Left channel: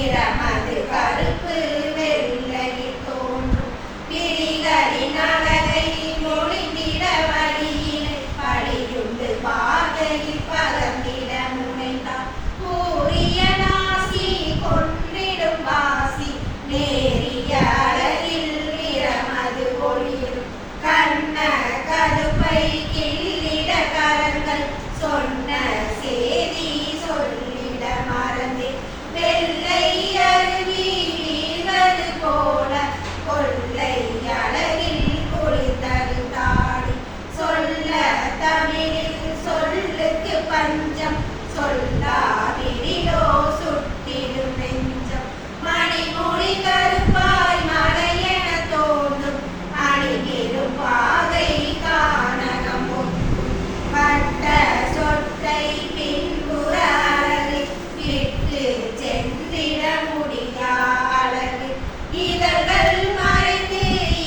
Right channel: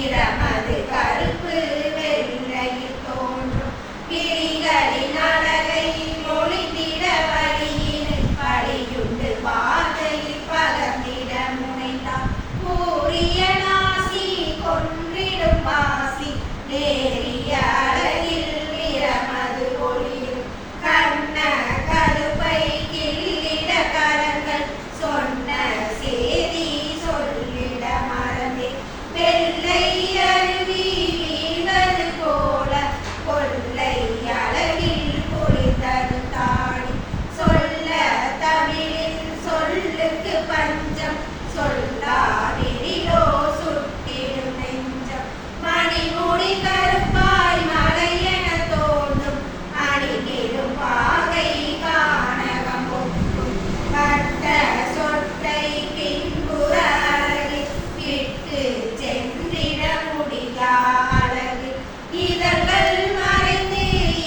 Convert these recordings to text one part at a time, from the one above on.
நிறமது கருப்பு வெள்ளையில் தோன்றும் விழிகளின் அழகை மொழிந்திட வழியில் படியுண்டு பார்வையில் பகர்ந்திட நுழைந்தார் கூறிய நாசி கொன்றிடும் வாசி நேரிய அழகில் நிறமது ஒளிரும் கண்ண கருப்பை கிள்ளிட கரங்கள் சொன்ன சேதி சொல்லிட மறந்தே வெள்ளை அருவி வீழ்வது போல கொள்ளை அழகில் குளித்தது தாடி சொல்ல தமிழில் சொல்லுக்கு பஞ்சம் சொல்லாவிடிலோ சுட்டிடும் நெஞ்சம் மணிமொழி கருப்பாய் மலையென தோன்றும் அணிந்திடும் பாகை காணகம் ஒக்கும் பட்ட சொற்றை பின்புற அழகு இட்டு சென்றிட முடியா அழகு இதழ்கள் மறைந்து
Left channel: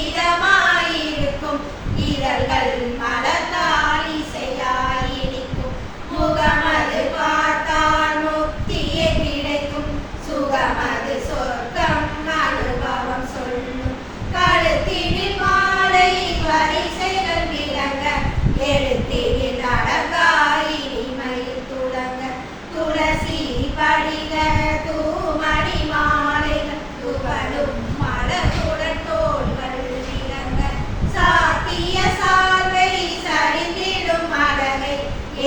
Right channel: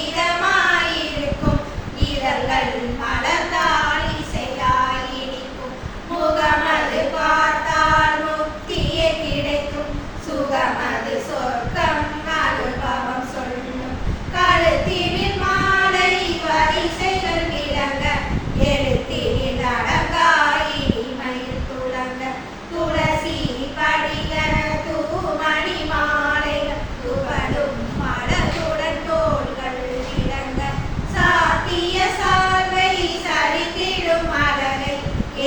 இதமாயிருக்கும் இதழ்கள் மலர்ந்தால் இசையாயிருக்கும் முகமது பார்த்தால் முக்தியை கிடைக்கும் சுகமது சொர்க்கம் அனுபவம் சொல்லும் கழுத்தினில் மாலை வரிசைகள் விளங்க எழுத்தினில் அடங்காய் இனிமையில் துளங்க துளசி படிக தூமணி மாலைகள் துவளும் மலருடன் தோள்கள் விளங்க சாத்திய சார்பை சரிந்திடும் அழகை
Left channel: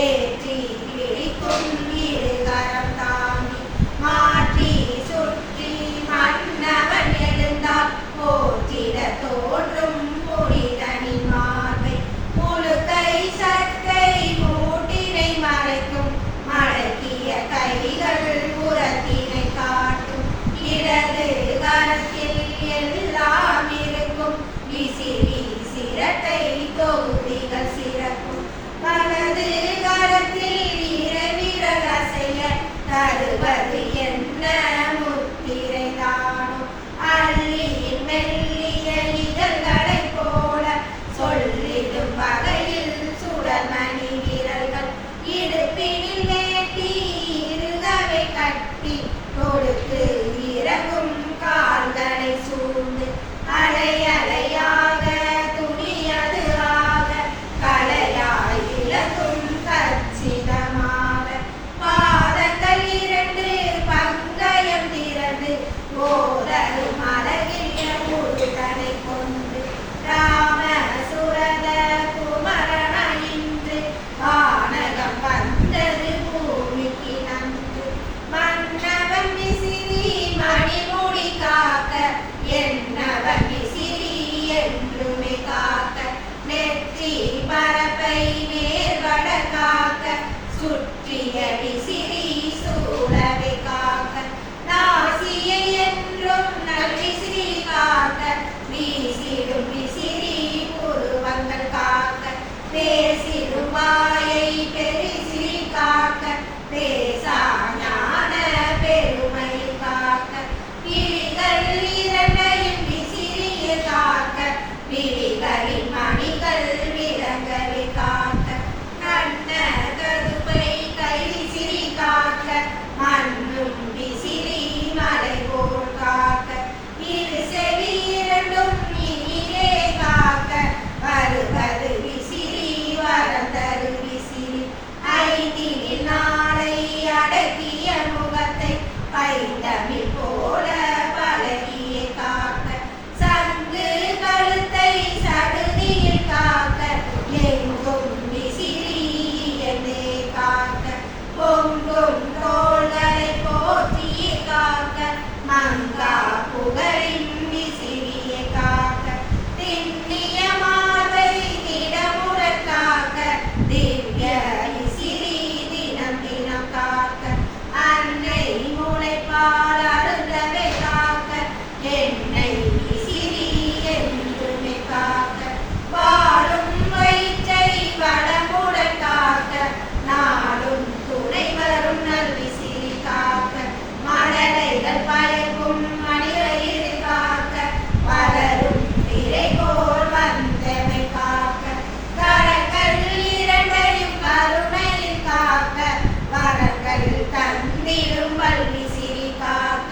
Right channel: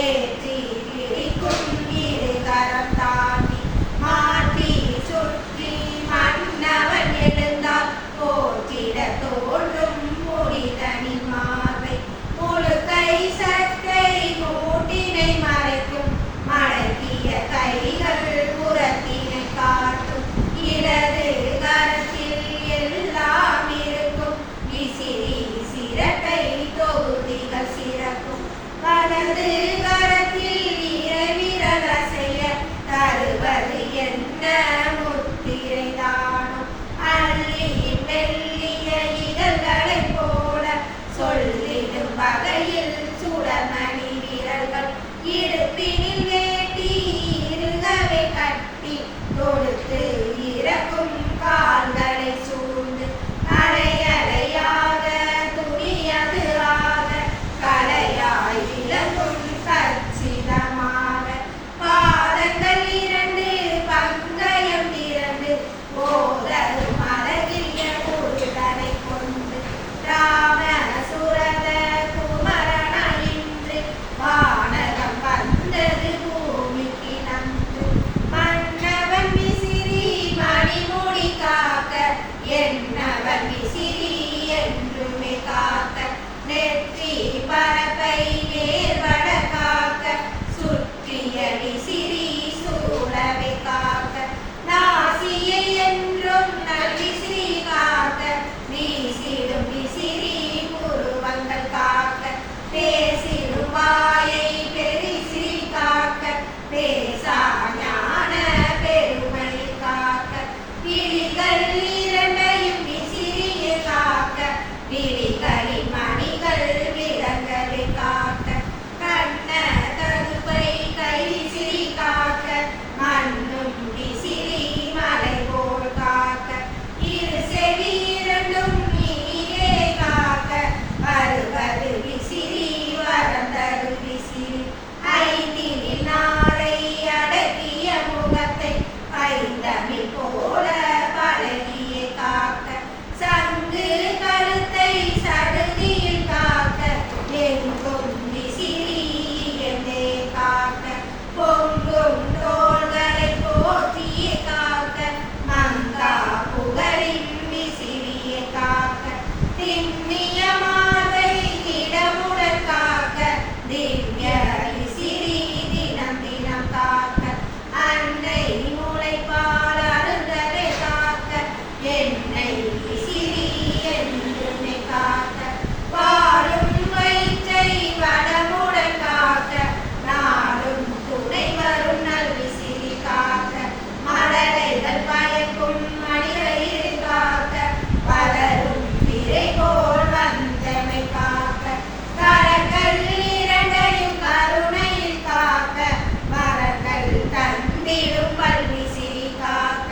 ஏற்றி பிடிக்கும் இருகரம் தாங்கி மாற்றி சுற்றி மன்னவன் எழுந்தால் போற்றிட தோன்றும் புனிதனின் மார்பை முழுக்கை சட்டை மூட்டினை மறைக்கும் மடக்கிய கைகள் புறத்தினை காட்டும் இடது கரத்தில் எல்லாம் இருக்கும் விசிறி சிரட்டை தொகுதிகள் சிறக்கும் வலது கரத்தில் இறைவிரல் அசைய தருவது என்ன முத்திரை தானும் அள்ளி மெல்லிய இதழ்களை போல சொல்லிடும் வகையில் சுடமணி விரல்கள் இடுப்பினில் வேட்டி இருதவை கட்டி கொடுத்து இறக்கும் கால்களை சூழ்ந்து அலையலையாக துணியது ஆக கலையாய் விளங்கும் கச்சிதமாக பாதங்கள் இரண்டு பங்கயம் திரண்டு போதரும் அழகிய முருகனை கொண்டு ராம சுரத குமரனின்று வானகம் வந்தது பூமிக்கு நன்று மன்னவன் விசிறி மணிமொழி காக்க என்னவன் விசிறி என்றுமே காக்க நெற்றி பரப்பை நேர்வட காக்க சுற்றிய விசிறி சூழவை காக்க நாசியை என்றும் நல்விசிறி காக்க வீசிடும் விசிறி புருவங்கள் காக்க பேசிடும் வாயை பெரிசிறி காக்க பேசா ஞான பெருமை காக்க விழிகள் இரண்டையும் விசிறியை காக்க விழிகளின் மணிகள் விலங்கலை காக்க கண்ண கருப்பை கை விசிறி காக்க மண்ணும் விசிறி மலை போல் காக்க இரு செவி இரண்டும் இனிலே காக்க வருவது விசிறி வரந்தரு விசிறி ஐந்தினில் நாளை அடக்கிய முகத்தை பைந்தமிழ் போல பழகிய காக்க சங்கு கழுத்தை சடுதியில் காக்க எங்கும் விசிறி என்னே காக்க பொங்கும் தோள்களை போற்றிய காக்க மங்கா புகழின் விசிறியை காக்க திண்ணிய மார்பை திடமுட காக்க திவ்ய விசிறி தினம் தினம் காக்க அன்னை முளைப்பால் அருந்தரை காக்க என்னை விசிறி என்றுமே காக்க வாழும் வயிற்றை வளமுட காக்க நாளும் துணை வரும் நல் விசிறி காக்க மலரைகள் பயக்கும் மணிகளில் காக்க வளரும் பிறை போல் வந்தமை காக்க கரங்கள் இரண்டையும் கருணையில் காக்க வரங்கள் தந்திடும் வல்விசிறி காக்க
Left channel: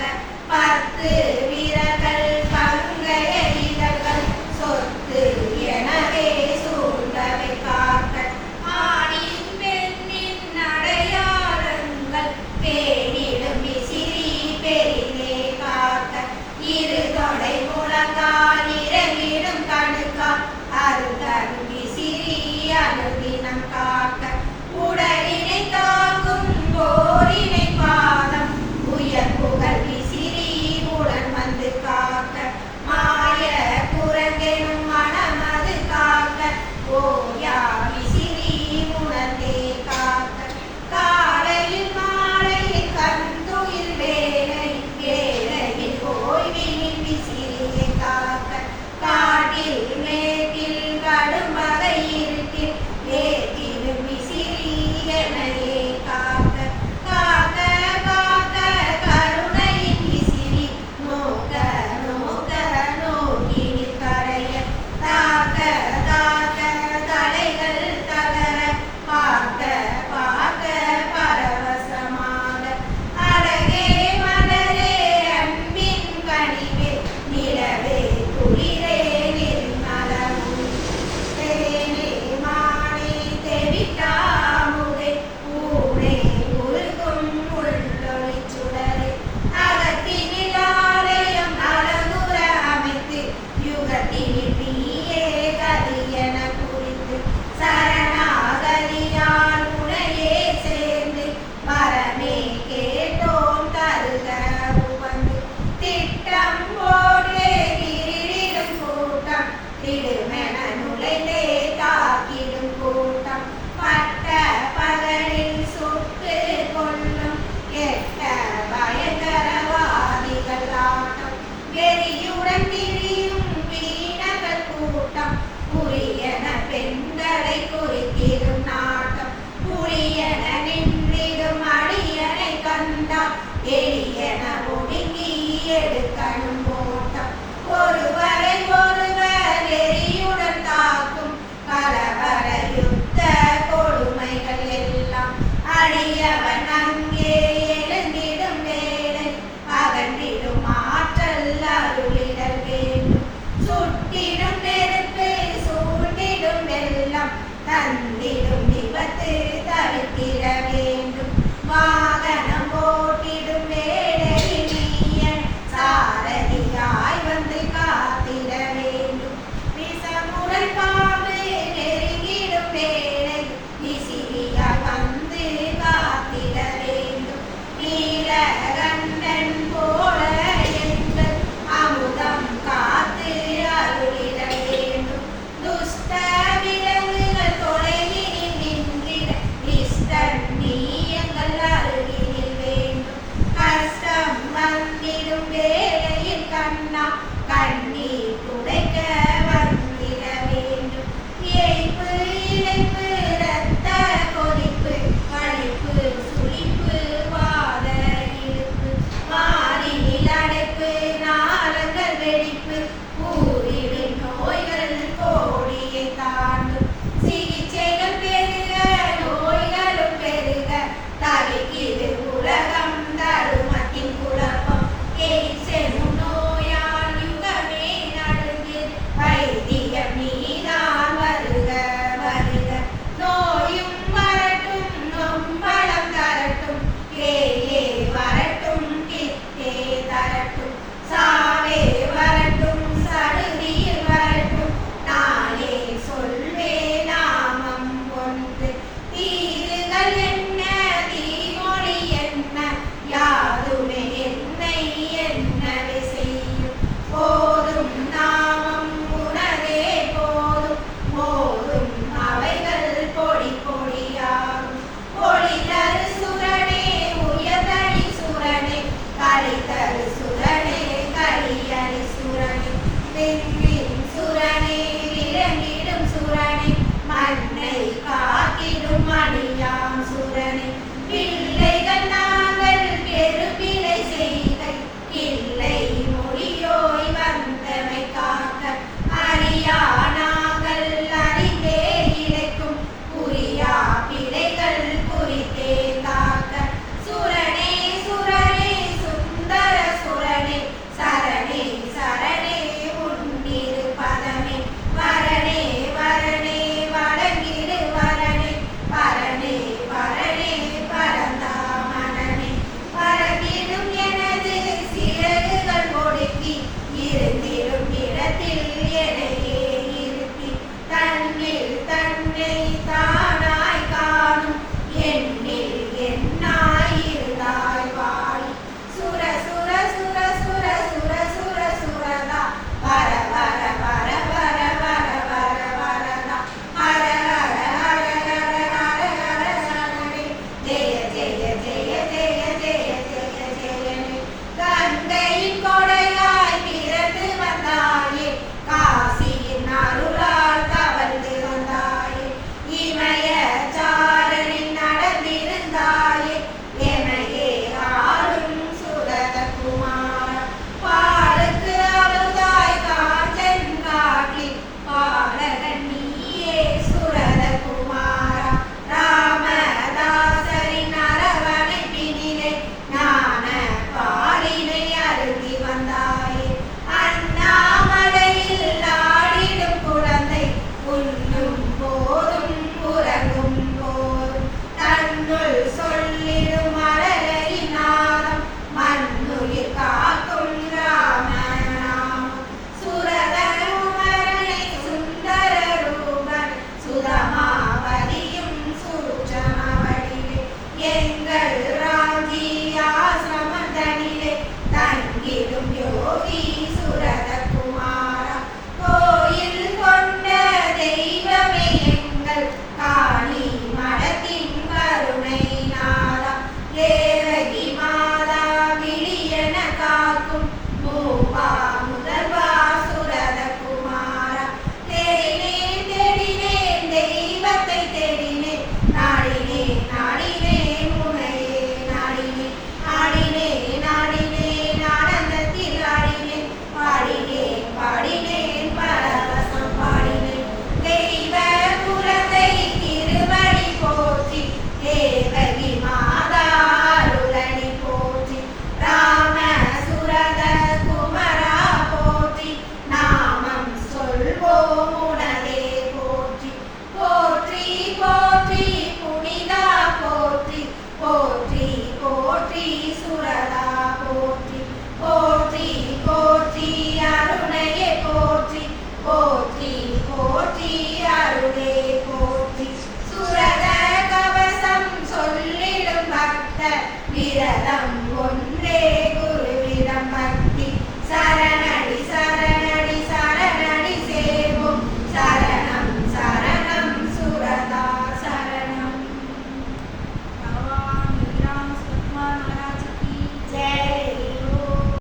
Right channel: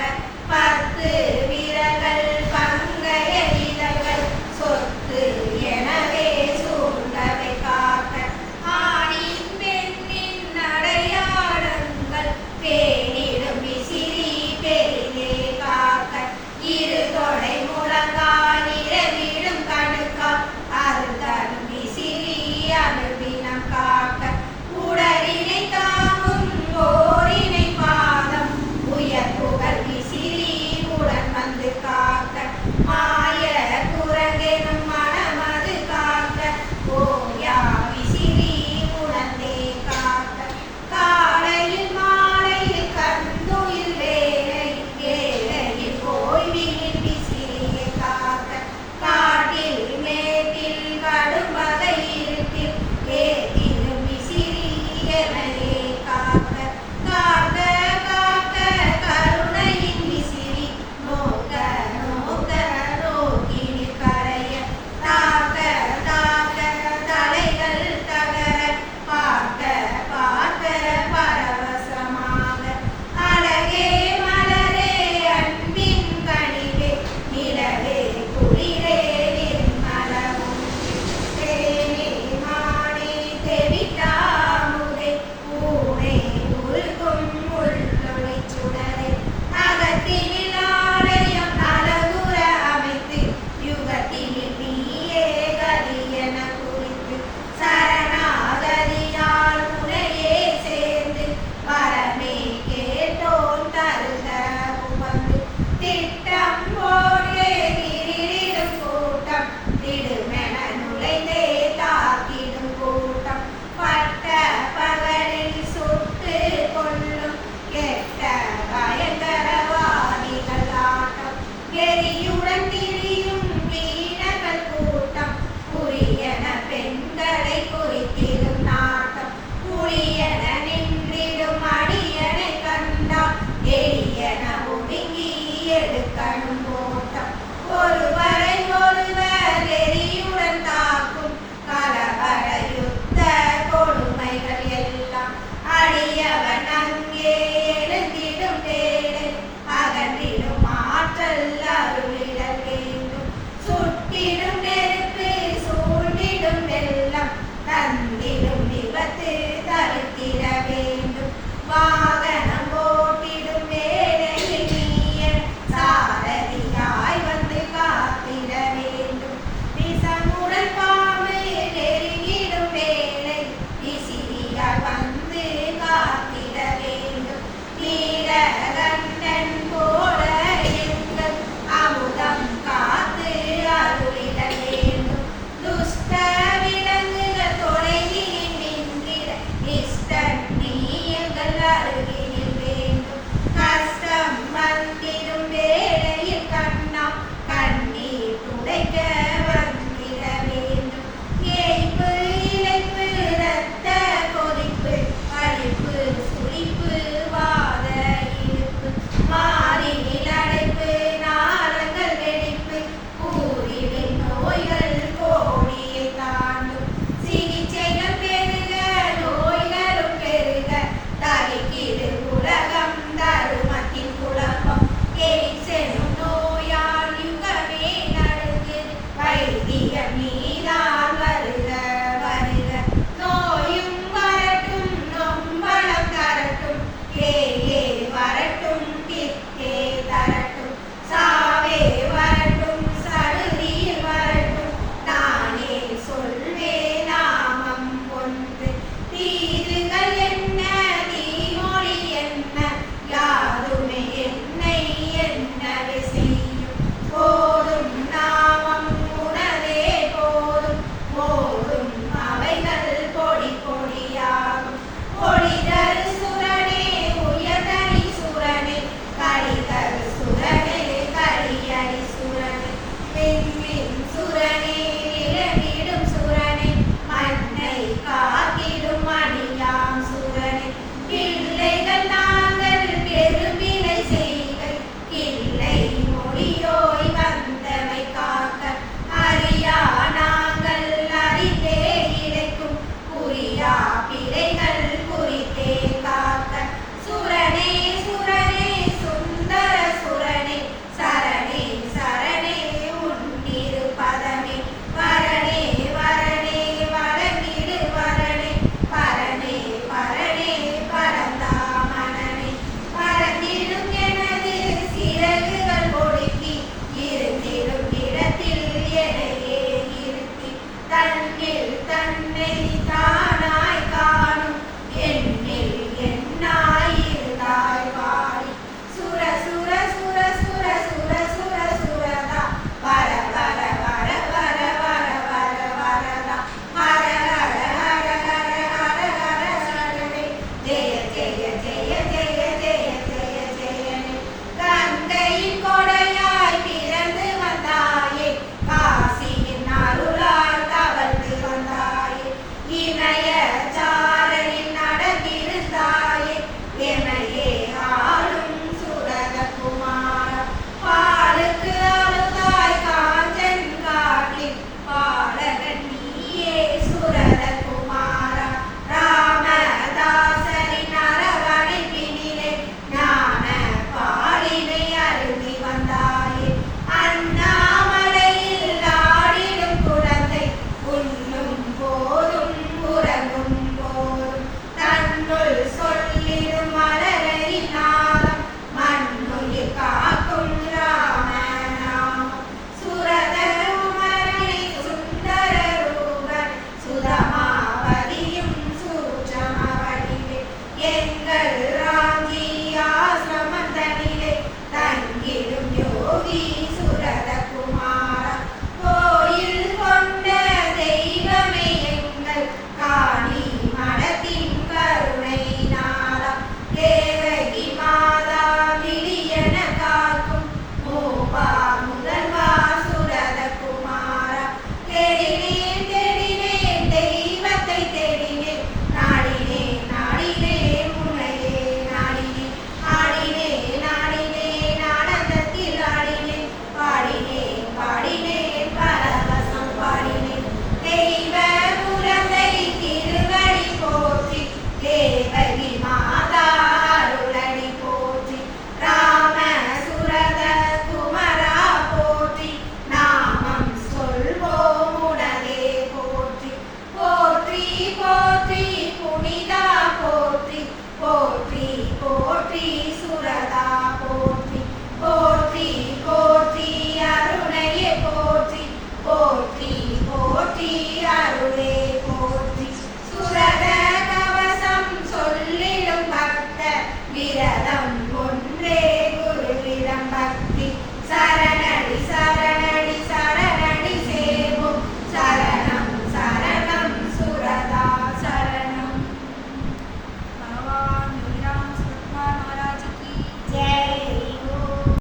வாழும்